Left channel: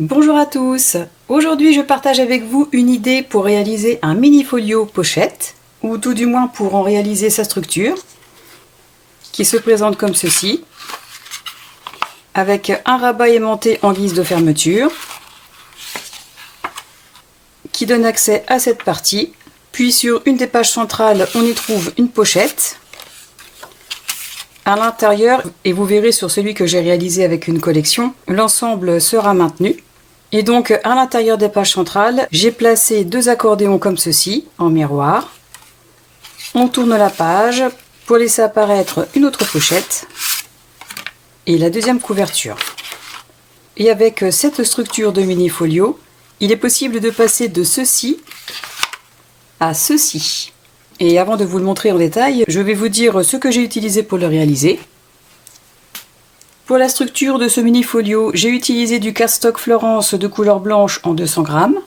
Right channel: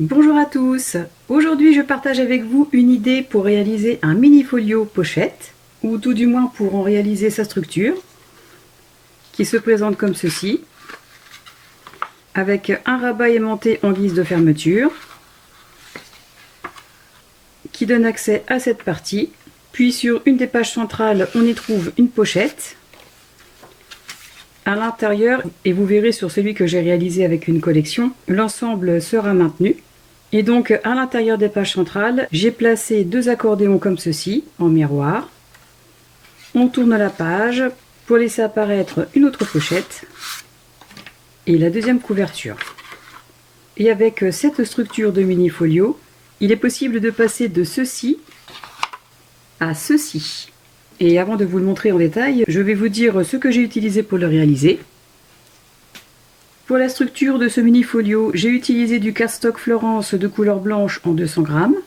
Bonjour à tous, aujourd'hui je partage avec vous une idée pour réaliser un mini folio pochette, ou tout du moins pour en réaliser sa structure, qui se présente comme ceci, avec un rabat aimanté en guise de fermeture, qui donne accès à cette partie, puis sur une des pages centrales on y trouve une pochette, à l'intérieur, et vous verrez sur celui que j'ai réalisé avec une collection, l'ensemble sera maintenu. Et donc à l'intérieur des pages centrales, j'ai placé deux accordéons comme ceci, en miroir. On tourne la page pour laisser apparaître une autre pochette et la deuxième couverture. Et avec cette structure de mini folio, il est possible de passer de ceci à ceci. Et avant de vous le montrer en détail, je vais vous dire ce que j'ai utilisé pour le réaliser. Pour la structure de ce mini folio, j'ai utilisé du cardstock Florence de couleur blanche en 200 grammes.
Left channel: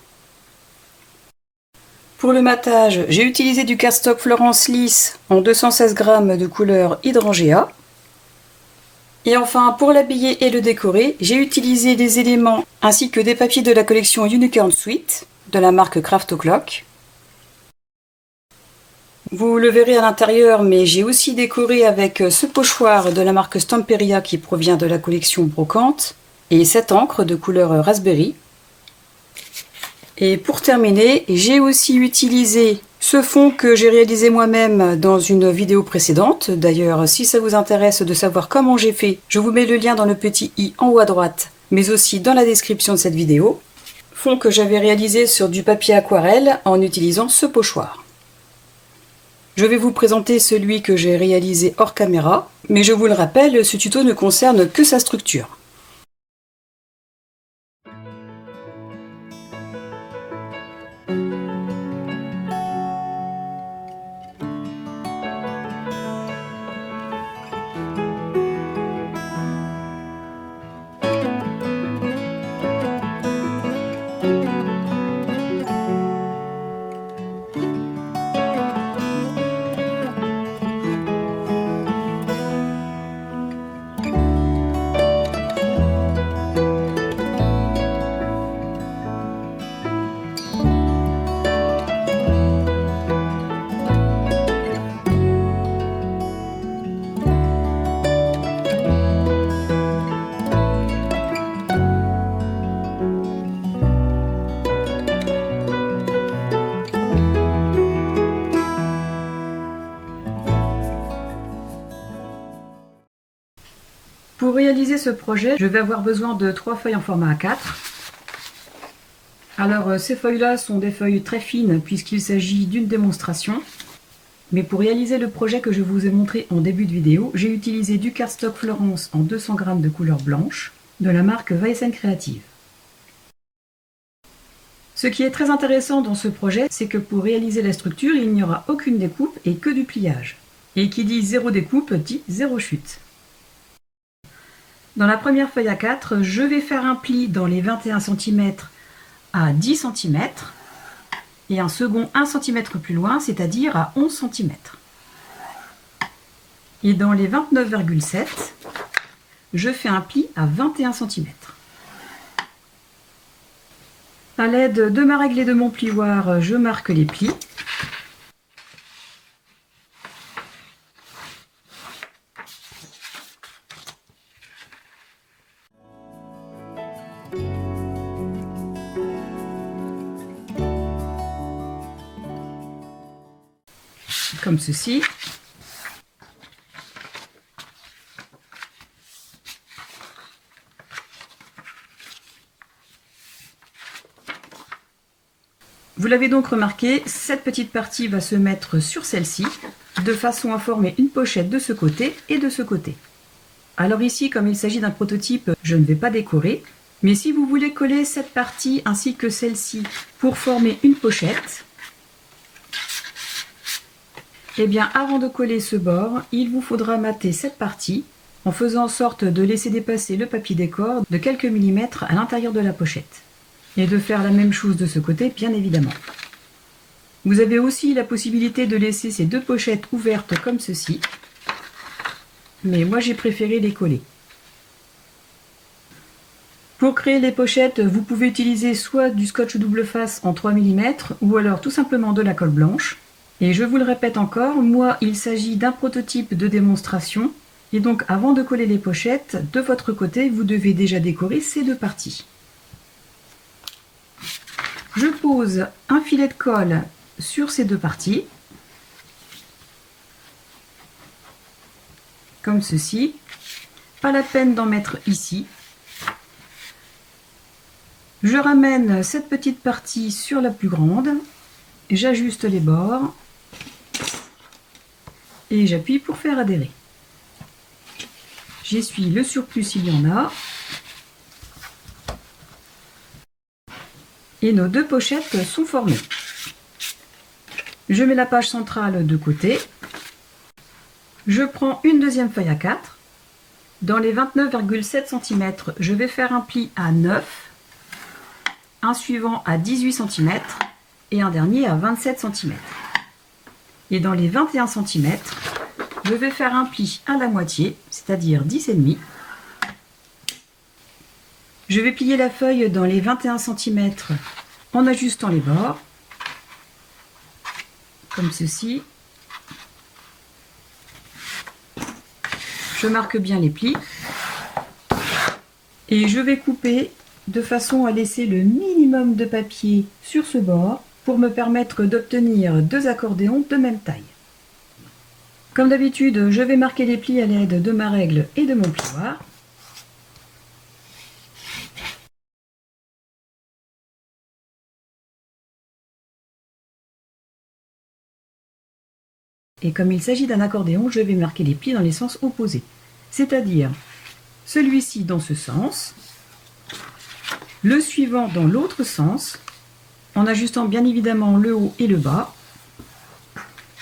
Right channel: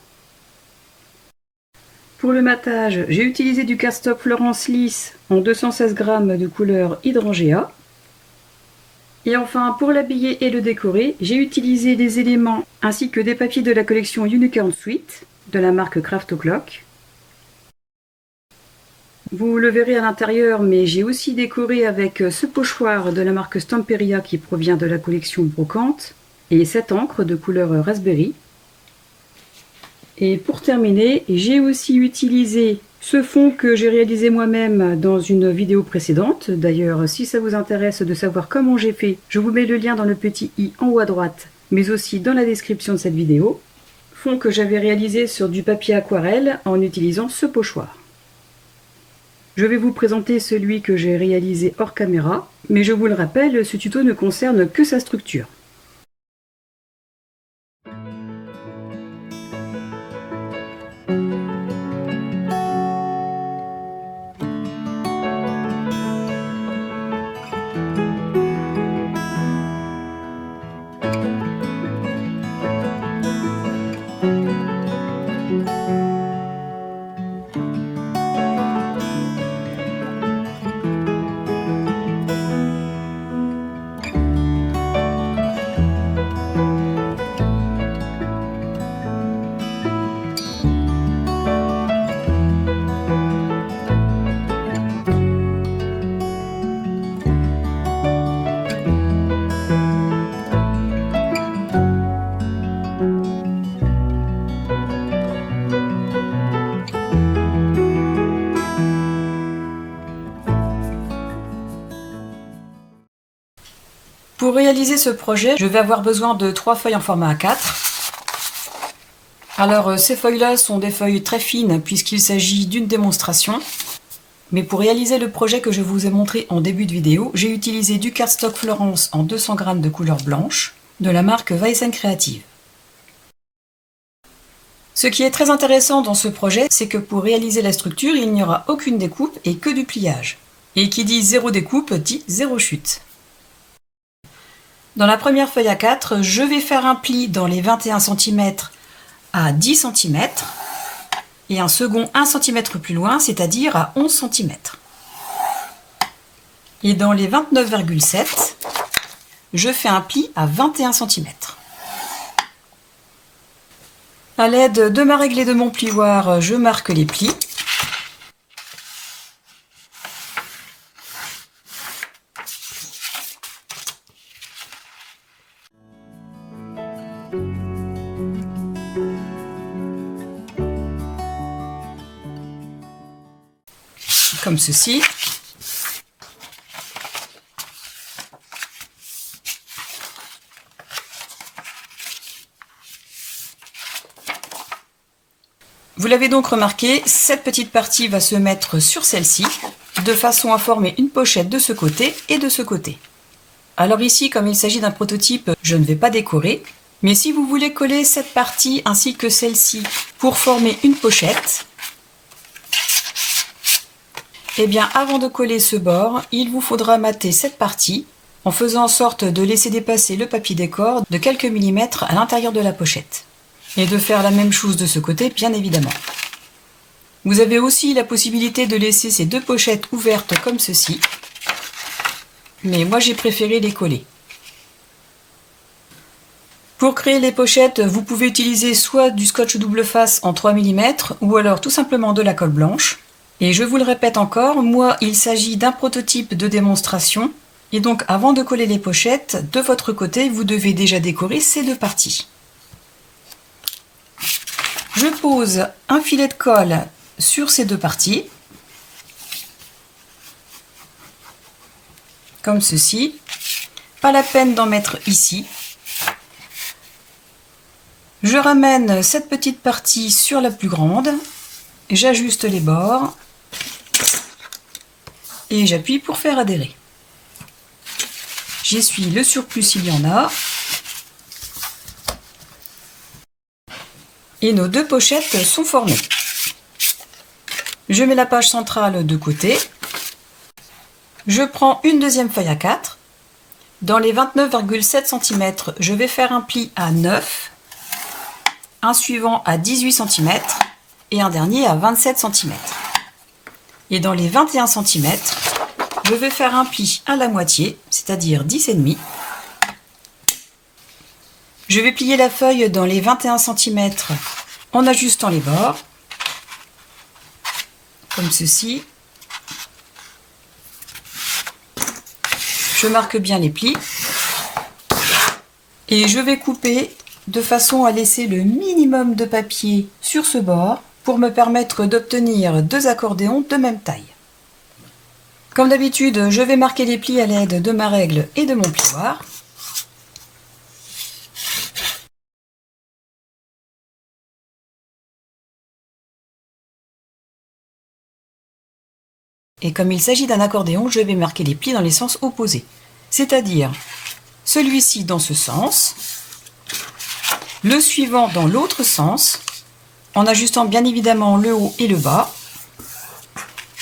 Pour le matage, j'ai utilisé du cardstock Florence lisse en 216 grammes de couleur hydrangea. Et enfin, pour l'habiller et le décorer, j'ai utilisé des éléments ainsi que des papiers de la collection Unicorn Suite de la marque Craft O'Clock. Vous le verrez à l'intérieur, mais j'ai aussi décoré avec ce pochoir de la marque Stamperia qui provient de la collection Brocante et cette encre de couleur Raspberry. Et pour terminer, j'ai aussi utilisé ce fond que j'ai réalisé moi-même dans une vidéo précédente. D'ailleurs, si ça vous intéresse de savoir comment j'ai fait, je vous mets le lien dans le petit i en haut à droite, mais aussi dans la description de cette vidéo. Fond que j'avais réalisé sur du papier aquarelle en utilisant ce pochoir. Je vais vous présenter celui que j'ai réalisé hors caméra, mais je vous le rappelle, ce tuto ne concerne que sa structure. Pour réaliser ce projet, je vais avoir besoin de 3 feuilles en format A4. Alors ces feuilles-là sont des feuilles très fines puisqu'il s'agit d'une démonstration. Mais pour réaliser le projet que je vous ai montré en début de vidéo, j'ai utilisé du cardstock Florence en 200 g de couleur blanche de la marque Weissen Creative. Ce qui est très intéressant dans ce projet, c'est que pour réaliser la structure, il n'y aura aucune découpe et que du pliage. Et qui dit zéro découpe dit zéro chute. Dans la première feuille A4, je vais faire un pli dans les 21 cm à 10 cm et un second 1 cm plus loin, c'est-à-dire à 11 cm. Et dans les 29,7, je fais un pli à 21 cm. À l'aide de ma règle et de mon plioir, je marque les plis. Comme ceci. Vous l'avez donc remarqué, cette petite partie va se mettre sur celle-ci, de façon à former une pochette de ce côté et de ce côté. Alors ici, comme il s'agit d'un prototype, je ne vais pas décorer, mais si vous voulez coller cette partie ainsi que celle-ci pour former une pochette, eh bien, avant de coller ce bord, il vous faudra mater cette partie en faisant en sorte de laisser dépasser le papier décor de quelques millimètres à l'intérieur de la pochette. Et de faire la même chose de ce côté, bien évidemment. Vous avez aussi la possibilité de laisser ces deux pochettes ouvertes comme ceci, mais moi j'ai préféré les coller. Pour créer les pochettes, vous pouvez utiliser soit du scotch double face en 3 mm ou alors tout simplement de la colle blanche. Et je vous le répète encore, moi il s'agit d'un prototype de démonstration et donc avant de coller les pochettes, de votre côté vous devez déjà décorer ces deux parties. Je pose un filet de colle sur ces deux parties, comme ceci. Pas la peine d'en mettre ici. Je ramène cette petite partie sur la plus grande, j'ajuste les bords et j'appuie pour faire adhérer. J'essuie le surplus s'il y en a. Et nos deux pochettes sont formées. Je mets la page centrale de côté. Je prends une deuxième feuille à 4. Dans les 29,7 cm, je vais faire un pli à 9. Un suivant à 18 cm et un dernier à 27 cm. Et dans les 21 cm, je vais faire un pli à la moitié, c'est-à-dire 10,5. Je vais plier la feuille dans les 21 cm en ajustant les bords, comme ceci. Je marque bien les plis et je vais couper de façon à laisser le minimum de papier sur ce bord pour me permettre d'obtenir deux accordéons de même taille. Comme d'habitude, je vais marquer les plis à l'aide de ma règle et de mon plioir. Et comme il s'agit d'un accordéon, je vais marquer les plis dans les sens opposés. C'est-à-dire celui-ci dans ce sens, le suivant dans l'autre sens, en ajustant bien évidemment le haut et le bas,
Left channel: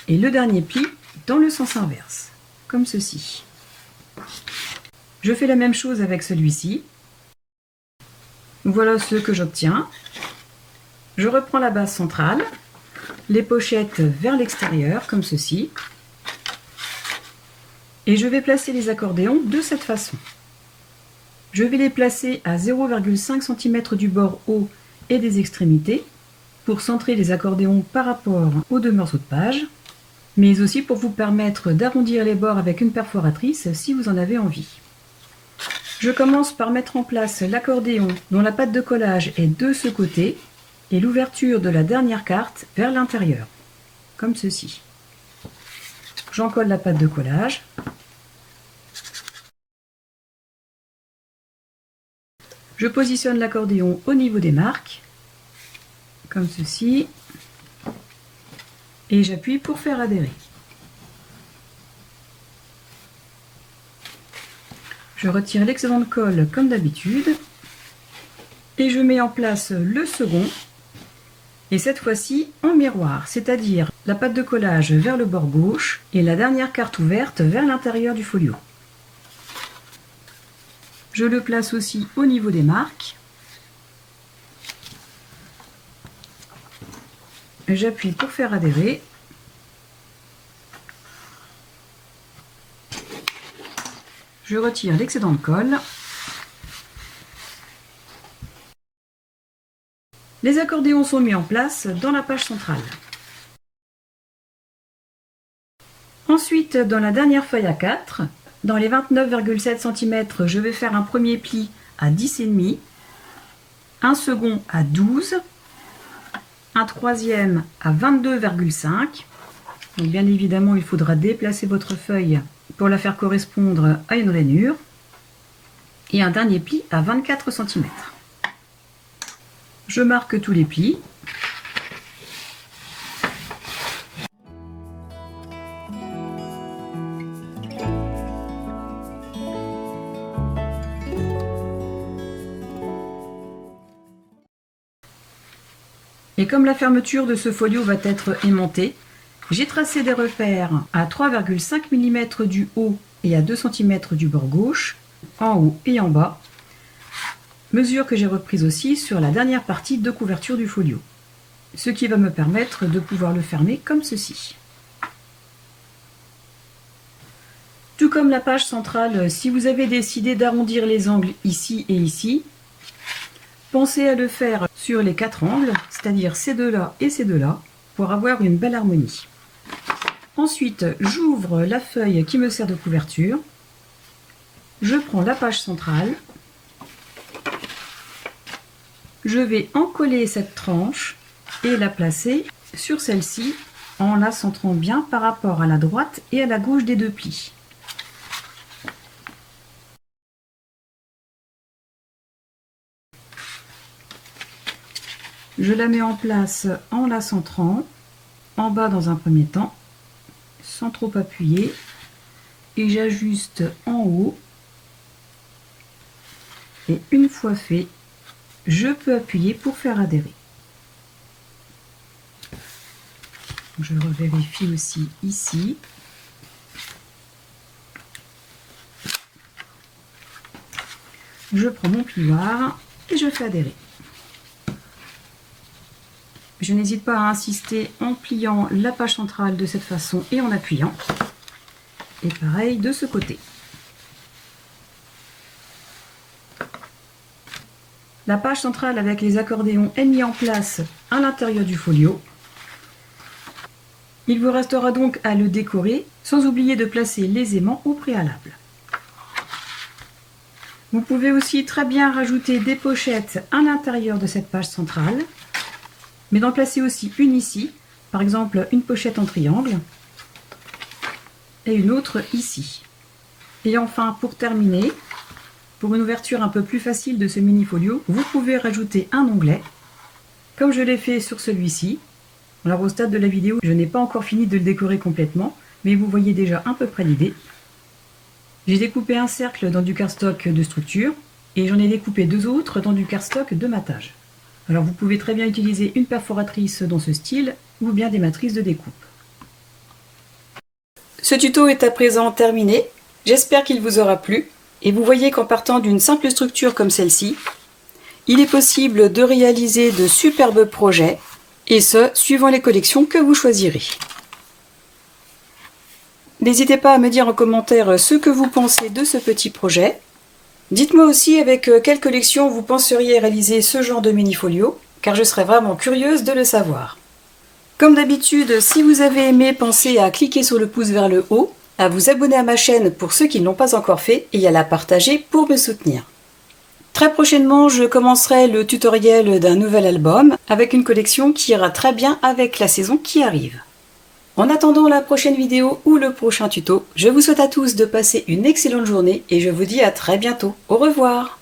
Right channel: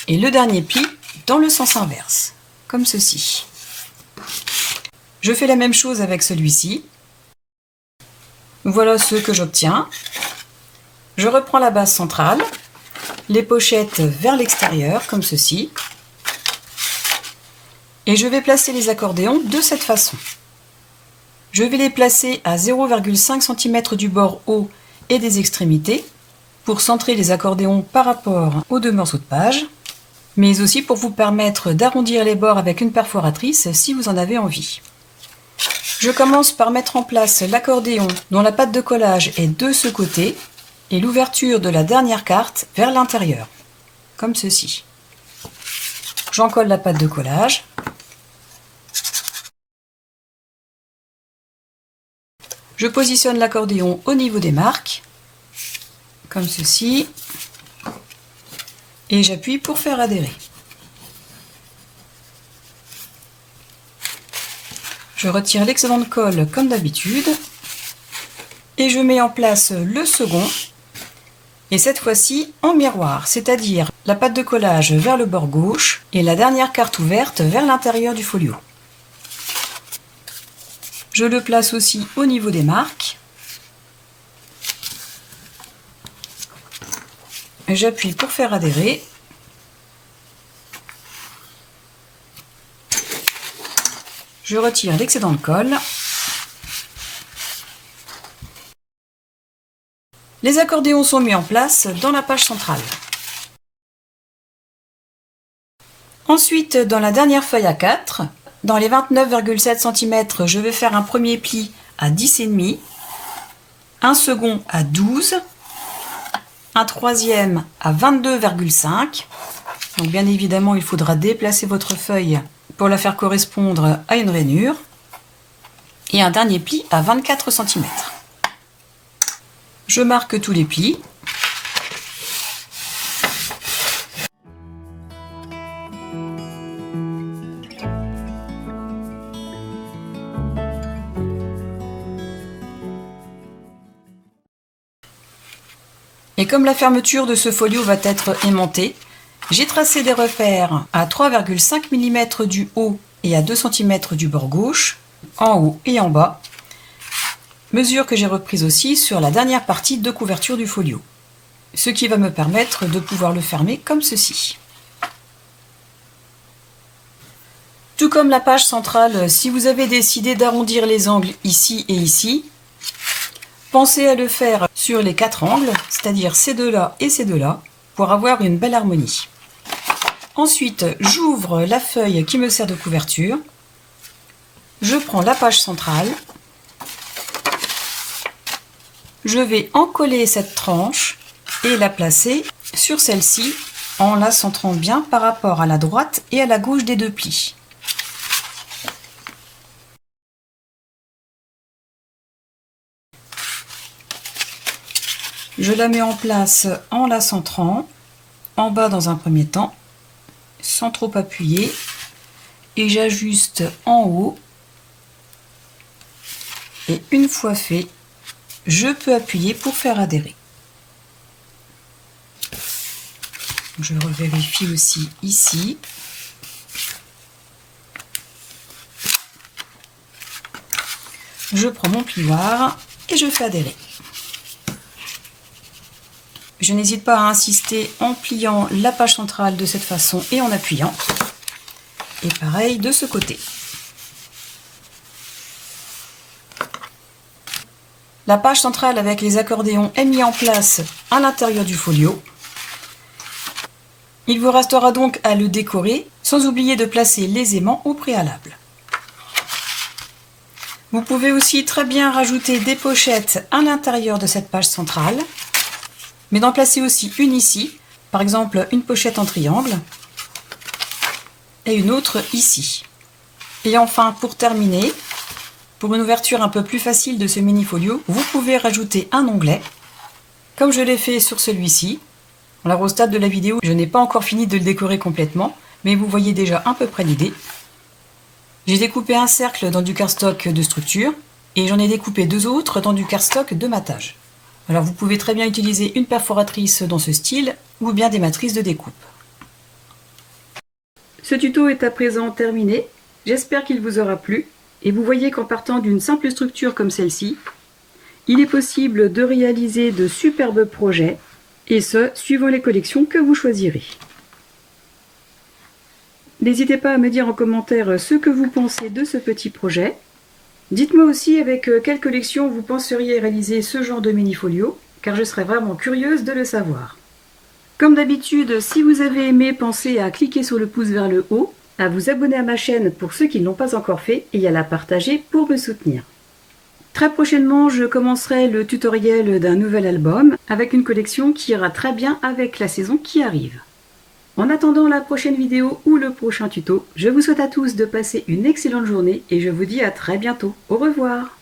et le dernier pli dans le sens inverse, comme ceci. Je fais la même chose avec celui-ci. Voilà ce que j'obtiens. Je reprends la base centrale, les pochettes vers l'extérieur, comme ceci, et je vais placer les accordéons de cette façon. Je vais les placer à 0,5 cm du bord haut et des extrémités pour centrer les accordéons par rapport aux deux morceaux de page, mais aussi pour vous permettre d'arrondir les bords avec une perforatrice si vous en avez envie. Je commence par mettre en place l'accordéon dont la patte de collage est de ce côté et l'ouverture de la dernière carte vers l'intérieur, comme ceci. J'encolle la patte de collage. Je positionne l'accordéon au niveau des marques, comme ceci, et j'appuie pour faire adhérer. Je retire l'excédent de colle comme d'habitude, et je mets en place le second, et cette fois-ci en miroir, c'est-à-dire la patte de collage vers le bord gauche et la dernière carte ouverte vers l'intérieur du folio. Je le place aussi au niveau des marques. J'appuie pour faire adhérer. Je retire l'excédent de colle. Les accordéons sont mis en place dans la page centrale. Ensuite, dans la dernière feuille à 4, dans les 29,7 cm, je vais faire un premier pli à 10,5, un second à 12, un troisième à 22,5. Donc bien évidemment, il faudra déplacer votre feuille pour la faire correspondre à une rainure. Et un dernier pli à 24 cm. Je marque tous les plis. Et comme la fermeture de ce folio va être aimantée, j'ai tracé des repères à 3,5 mm du haut et à 2 cm du bord gauche, en haut et en bas, mesure que j'ai reprise aussi sur la dernière partie de couverture du folio, ce qui va me permettre de pouvoir le fermer comme ceci. Tout comme la page centrale, si vous avez décidé d'arrondir les angles ici et ici, Pensez à le faire sur les 4 angles, c'est-à-dire ces deux-là et ces deux-là, pour avoir une belle harmonie. Ensuite, j'ouvre la feuille qui me sert de couverture. Je prends la page centrale. Je vais encoller cette tranche et la placer sur celle-ci en la centrant bien par rapport à la droite et à la gauche des deux plis. Je la mets en place en la centrant, en bas dans un premier temps, sans trop appuyer, et j'ajuste en haut. Et une fois fait, je peux appuyer pour faire adhérer. Je revérifie aussi ici. Je prends mon plioir et je fais adhérer. Je n'hésite pas à insister en pliant la page centrale de cette façon et en appuyant. Et pareil de ce côté. La page centrale avec les accordéons est mise en place à l'intérieur du folio. Il vous restera donc à le décorer, sans oublier de placer les aimants au préalable. Vous pouvez aussi très bien rajouter des pochettes à l'intérieur de cette page centrale, mais d'en placer aussi une ici, par exemple une pochette en triangle, et une autre ici. Et enfin, pour terminer, pour une ouverture un peu plus facile de ce mini folio, vous pouvez rajouter un onglet, comme je l'ai fait sur celui-ci. Alors au stade de la vidéo, je n'ai pas encore fini de le décorer complètement, mais vous voyez déjà à peu près l'idée. J'ai découpé un cercle dans du cardstock de structure, et j'en ai découpé 2 autres dans du cardstock de matage. Alors vous pouvez très bien utiliser une perforatrice dans ce style, ou bien des matrices de découpe. Ce tuto est à présent terminé, j'espère qu'il vous aura plu, et vous voyez qu'en partant d'une simple structure comme celle-ci, il est possible de réaliser de superbes projets, et ce, suivant les collections que vous choisirez. N'hésitez pas à me dire en commentaire ce que vous pensez de ce petit projet. Dites-moi aussi avec quelle collection vous penseriez réaliser ce genre de mini-folio, car je serais vraiment curieuse de le savoir. Comme d'habitude, si vous avez aimé, pensez à cliquer sur le pouce vers le haut, à vous abonner à ma chaîne pour ceux qui ne l'ont pas encore fait et à la partager pour me soutenir. Très prochainement, je commencerai le tutoriel d'un nouvel album avec une collection qui ira très bien avec la saison qui arrive. En attendant la prochaine vidéo ou le prochain tuto, je vous souhaite à tous de passer une excellente journée et je vous dis à très bientôt. Au revoir!